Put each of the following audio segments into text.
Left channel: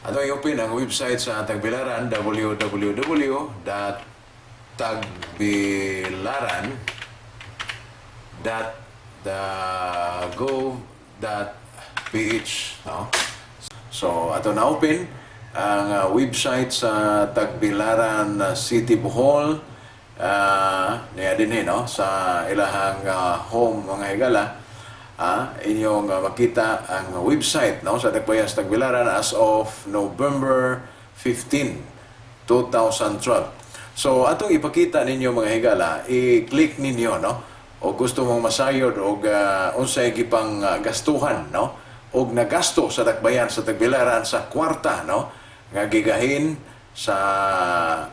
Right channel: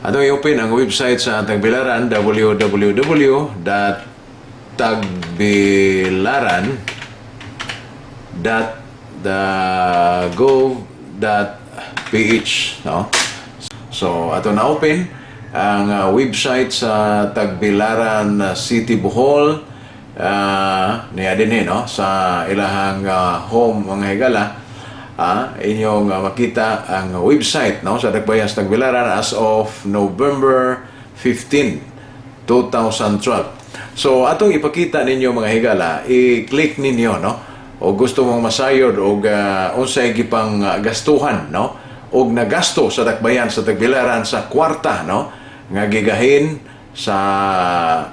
Atong i-open ang website sa Tagbilaran, www.tagbilaran.gov.ph, no? So, ato na open ang website sa Tagbilaran City Bohol, niya din no? Sa ilahang home mga higala. Inyong makita ang website, no, sa Dakbayan sa Tagbilaran as of November 15, 2012. So atong ipakita ninyo mga higala, i-click ninyo, no, o gusto mong masayod o unsay gipang gastuhan, no, o nagasto sa Dakbayan sa Tagbilaran sa kwarta, no, nga gigahin sa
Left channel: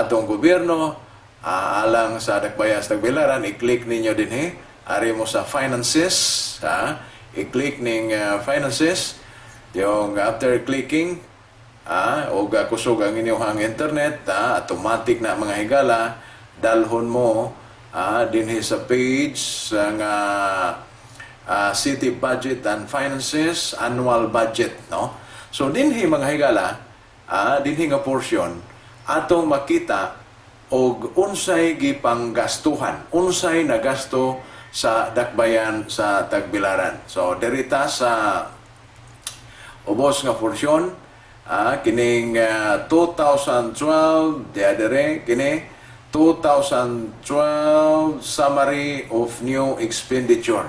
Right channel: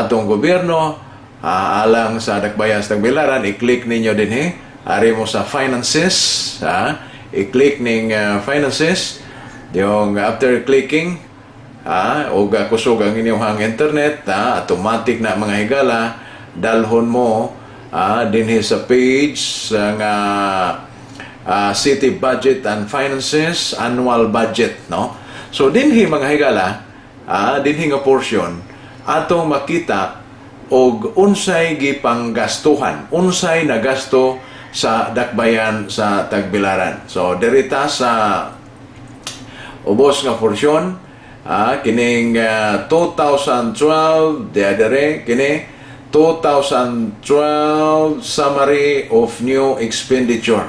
atong gobyerno alang sa Dakbayan sa Tagbilaran. I-click ninyo din ari mo sa finances, i-click ning finances. Yung after clicking, o kusog ang inyong internet, automatic na mga higala, dalhon mo dinhi sa page nga City Budget and Finances Annual Budget, no? So dinhi mga higala, dinhi nga portion atong makita og unsay gipanggastuhan, unsay nagasto sa Dakbayan sa Tagbilaran. So derita sa ubos nga porsyon, kining 2012 diadere kini 2012 summary of new expenditure.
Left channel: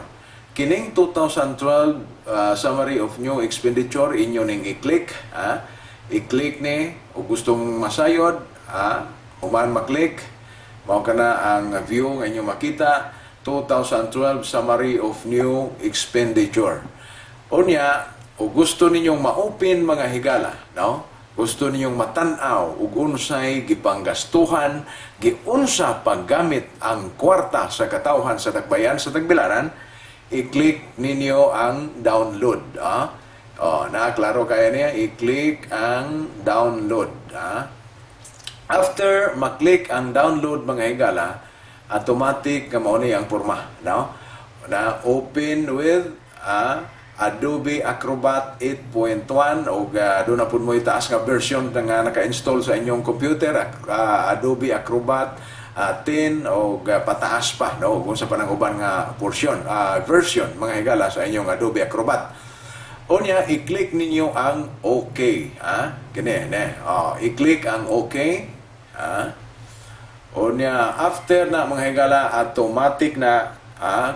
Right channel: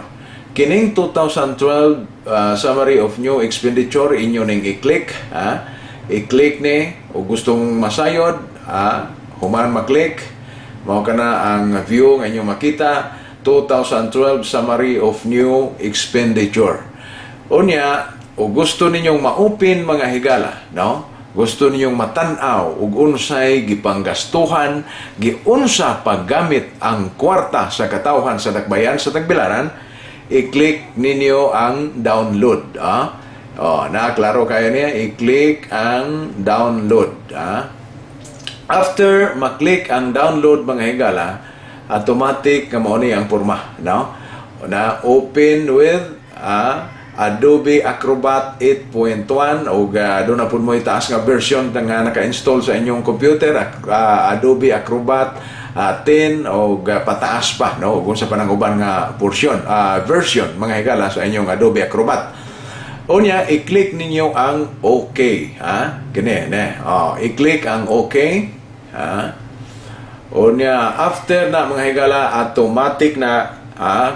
Kining 2012 summary of new expenditure inyo ning i-click, i-click ni o gustong masayod, human maklik mao kana ang view nga inyo makita. 2012 Summary of New Expenditure. Unya, o gusto ninyong ma-open mga higala, no? Gusto ninyong matanaw ug unsay gipanggastuhan, giunsa paggamit ang kwarta sa katawhan sa Dakbayan sa Tagbilaran, i-click ninyo ang download. Klaro kayo niya, i-click ang download. After maklik ang download mga higala, automatic nga mao ni ang porma, no? Na open with Adobe Acrobat 8.1 o doon na po mo itaas nga version nga naka-install sa inyong computer, Adobe Acrobat 10 o pataas pa, no? Kung sa pananguban nga version mga higala sa inyong Adobe Acrobat. Unya, i-click ninyo ang OK, Kini, i-click ang OK, Unya, after na mga higala, automatic na,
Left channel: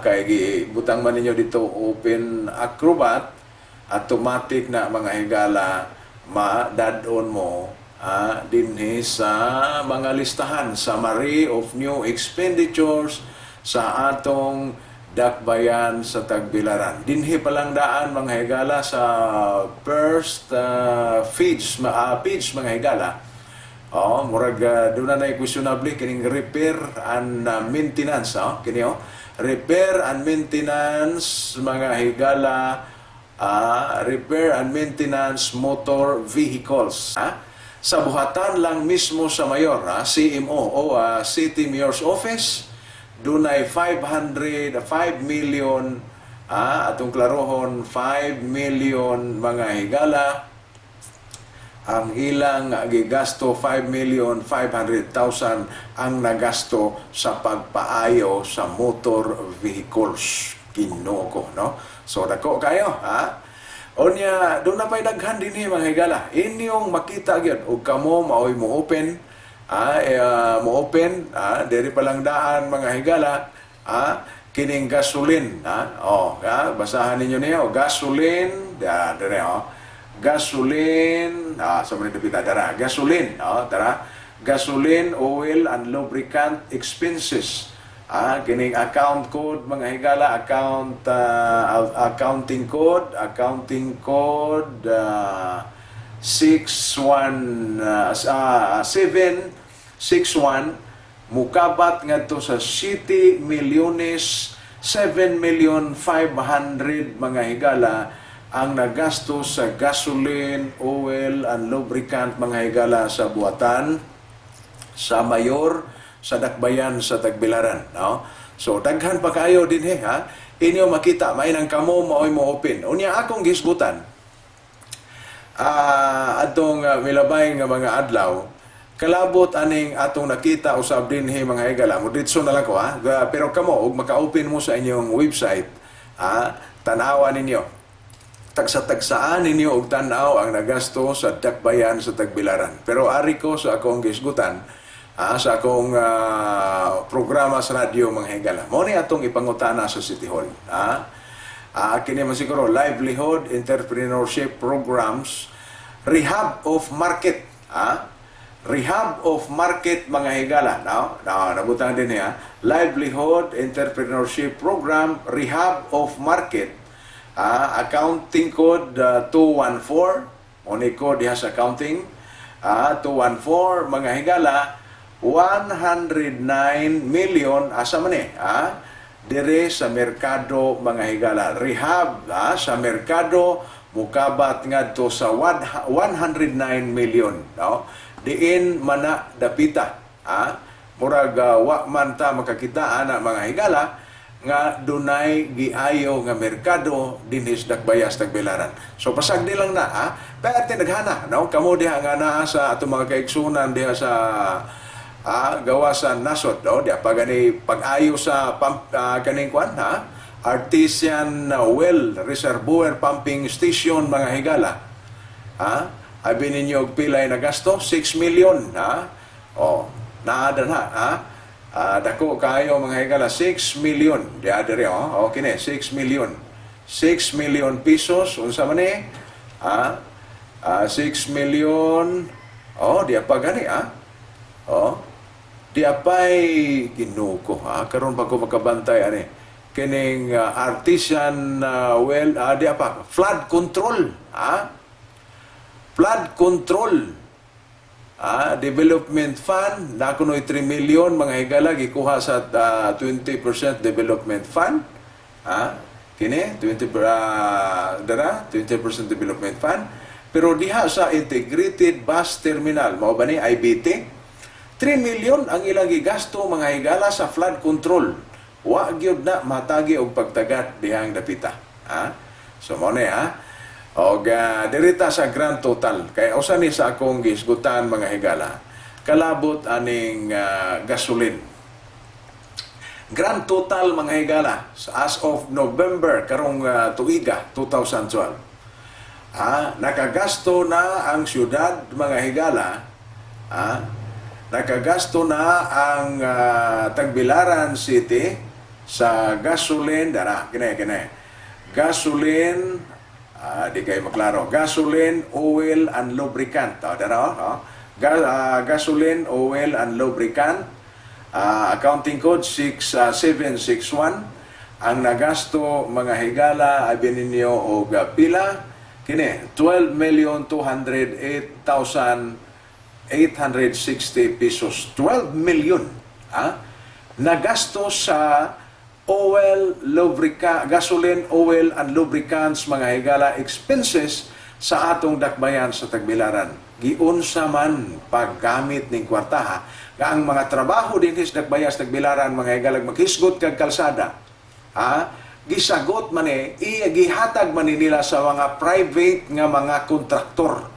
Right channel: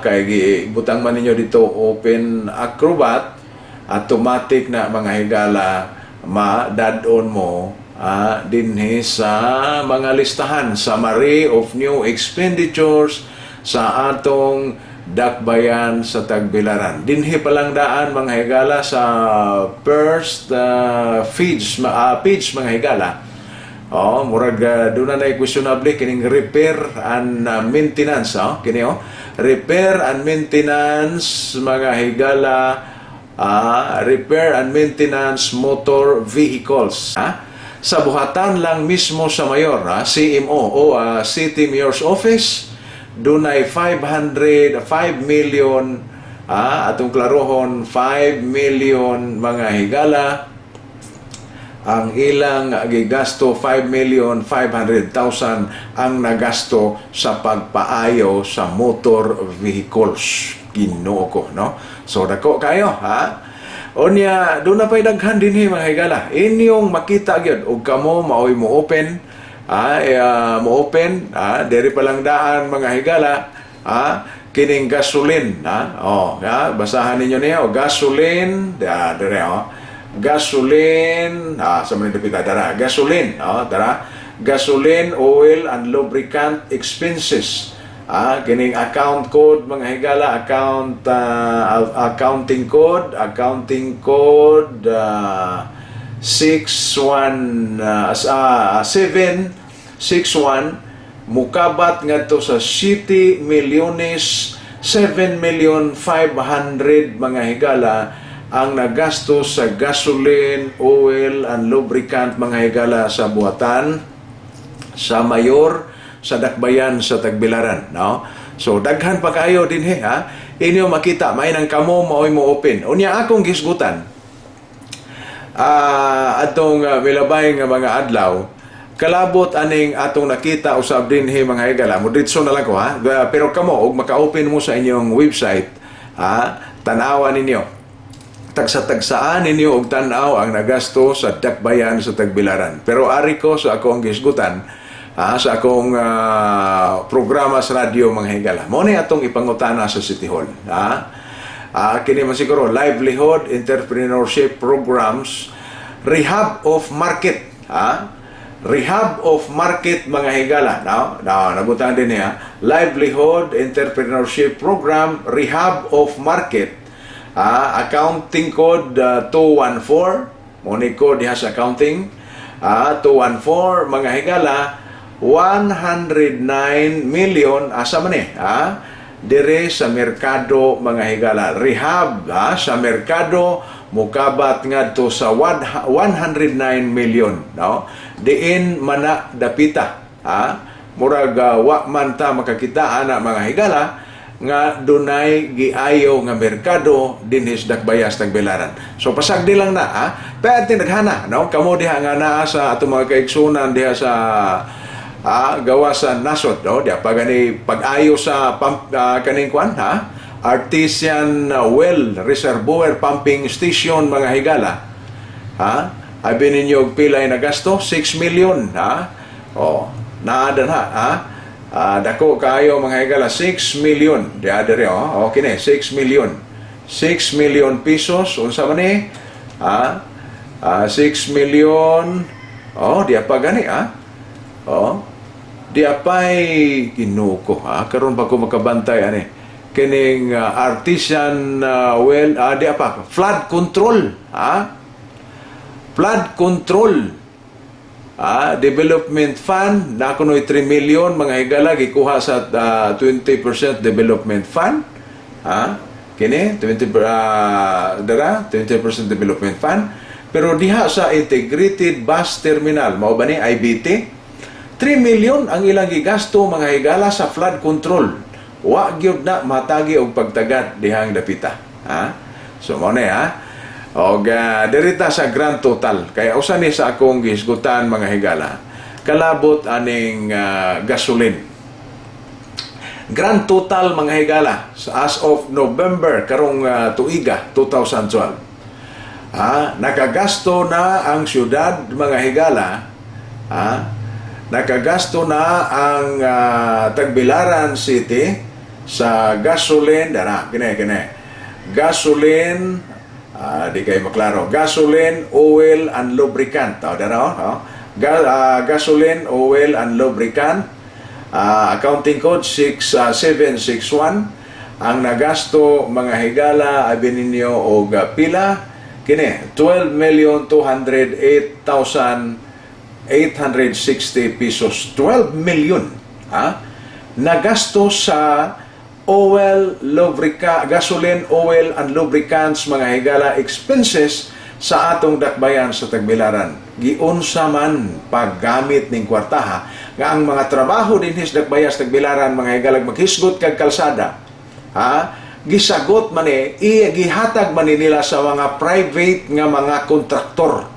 kay butang man ninyo dito open Acrobat, automatic na mga higala, ma-add-on mo dinhi sa mga listahan, summary of new expenditures sa atong Dakbayan sa Tagbilaran. Dinhi palang daan mga higala sa first page mga higala. Murag doon na questionable kining repair and maintenance, kini repair and maintenance mga higala, repair and maintenance motor vehicles, sa buhatan lang mismo sa mayor, CMO o City Mayor's Office, doon ay 5 million, atong klarohon 5 million mga higala. Ang ilang gigasto 5,500,000 ang nagasto sa pagpaayo sa motor vehicles. Ginoo ko, no? So dako kayo, Unya, doon na pa'y daghan din mga higala. Inyong makita gyud ug kamo maoy mo open, diri pa lang daan mga higala, kining gasoline, basahan ninyo niya o gasoline, dire gasoline, sa mga dapita dara, gasoline, gasoline, oil and lubricant expenses. Kining account code mga higala, accounting code 761 mukabat ngadto sa City Milyones 7,500,000 mga higala ang nagasto sa gasoline, oil, and lubricant mga higala sa buhatan sa mayor sa Dakbayan sa Tagbilaran, no? So daghan pa kayo din inyo makita may nang kamo maoy mo open. Unya akong gisgutan. atong milabay nga mga adlaw, kalabot aning atong nakita usab dinhi mga higala. Moditso na lang ko ha. Pero kamo og maka-open mo sa inyong website, tan-awan ninyo. Tagsa-tagsaan ninyo og tan-aw ang nagasto sa dakbayan sa Tagbilaran. Pero ari ko sa akong gisgutan, sa akong programa sa radio mga higala. Mo ni atong ipangutana sa City Hall. Kini man siguro livelihood entrepreneurship programs, rehab of market, rehab of market mga higala. Nabutan din niya, livelihood entrepreneurship program, rehab of market. Accounting code 214, money code diha sa accounting, 214 mga higala, 109 million asa man dire sa merkado mga higala. Rehab sa merkado mukabat ngadto sa 109 million, no? Diin mana dapita, murag wa man ta makakita ana mga higala nga dunay giayo nga merkado dinhi sa Dakbayas Tagbilaran. So pasagdi lang na pero naghana, no? Kamo diha nga naa sa atong mga kaigsunan diha sa gawa sa nasod, no? Diya pag-ayo sa kaning kwan, artisan well reservoir pumping station mga higala. Abi ninyo pilay na gasto 6 million, naadan dako kayo mga higala, 6 million. Diya dere okay ne, 6 million. 6 million pesos unsa man ni? 6 million. Diya pa gani di apay ginuko karon ba ko makabantay ani kining artisan well di apa flood control flood control development fund na kunoy 3 million mga higala gikuha sa 20% development fund kini 20% development fund, pero diha sa integrated bus terminal mao ba ni IBT 3 million ang ilang gigasto mga higala sa flood control. Wa gyud na matagi og pagtagat dihang dapita. So mo na og derita sa grand total kay usa ni sa akong gisgutan mga higala. Kalabot aning gasoline. Grand total mga higala as of November karong tuiga 2012. Nakagasto na ang syudad mga higala, nakagasto na ang Tagbilaran City sa gasoline, gasoline, di kayo maklaro, gasoline, oil, and lubricant. Gasoline, oil, and lubricant, accounting code 6761. Ang nagasto mga higala ay bininyo og pila, kini 12,208,860 pesos. 12 million nagasto sa gasoline, oil, and lubricants mga higala expenses sa atong dakbayan sa Tagbilaran. Giunsa man paggamit ning kwartaha nga ang mga trabaho dinhi sa dakbayan sa Tagbilaran mga higala maghisgot kag kalsada, gisagot man gihatag man nila sa mga private nga mga kontraktor.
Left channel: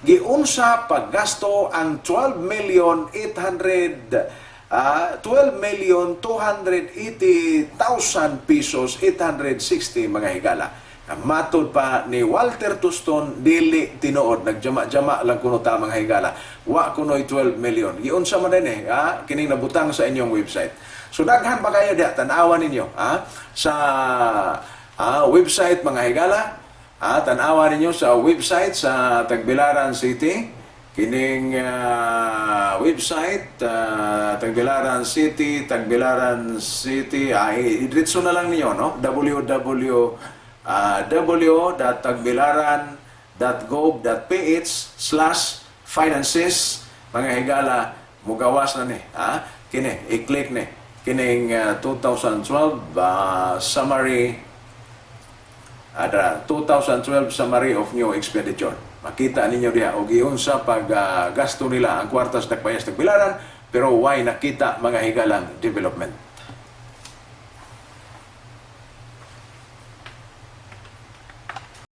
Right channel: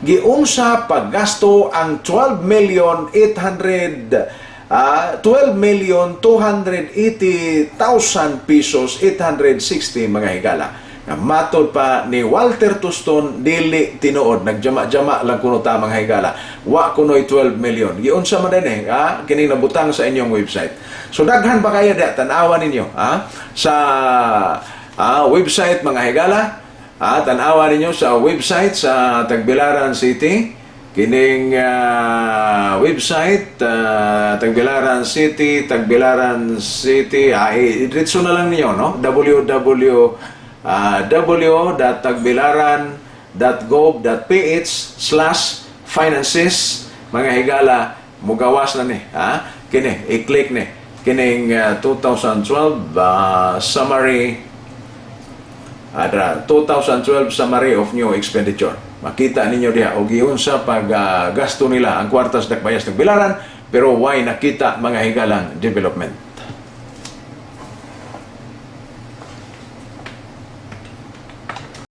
Giunsa paggasto ang 12,280,000 pesos 860 mga higala. Matod pa ni Walter Tuston, dili tinuod, nagjama-jama lang kuno ta mga higala. Wa kunoy 12 million. Giunsa man din kini nabutang sa inyong website. So daghan pa kayo tan-awan ninyo sa website mga higala. Tan-awan ninyo sa website sa Tagbilaran City. Kining website Tagbilaran City, diretso na lang niyo, no? www.tagbilaran.gov.ph/finances mga higala, mugawas na ni kini i-click ni kining 2012 summary 2012 summary of new expenditure. Makita ninyo diha og giunsa pag gasto nila ang kwartas dakbayas Tagbilaran, pero why nakita mga higalang development.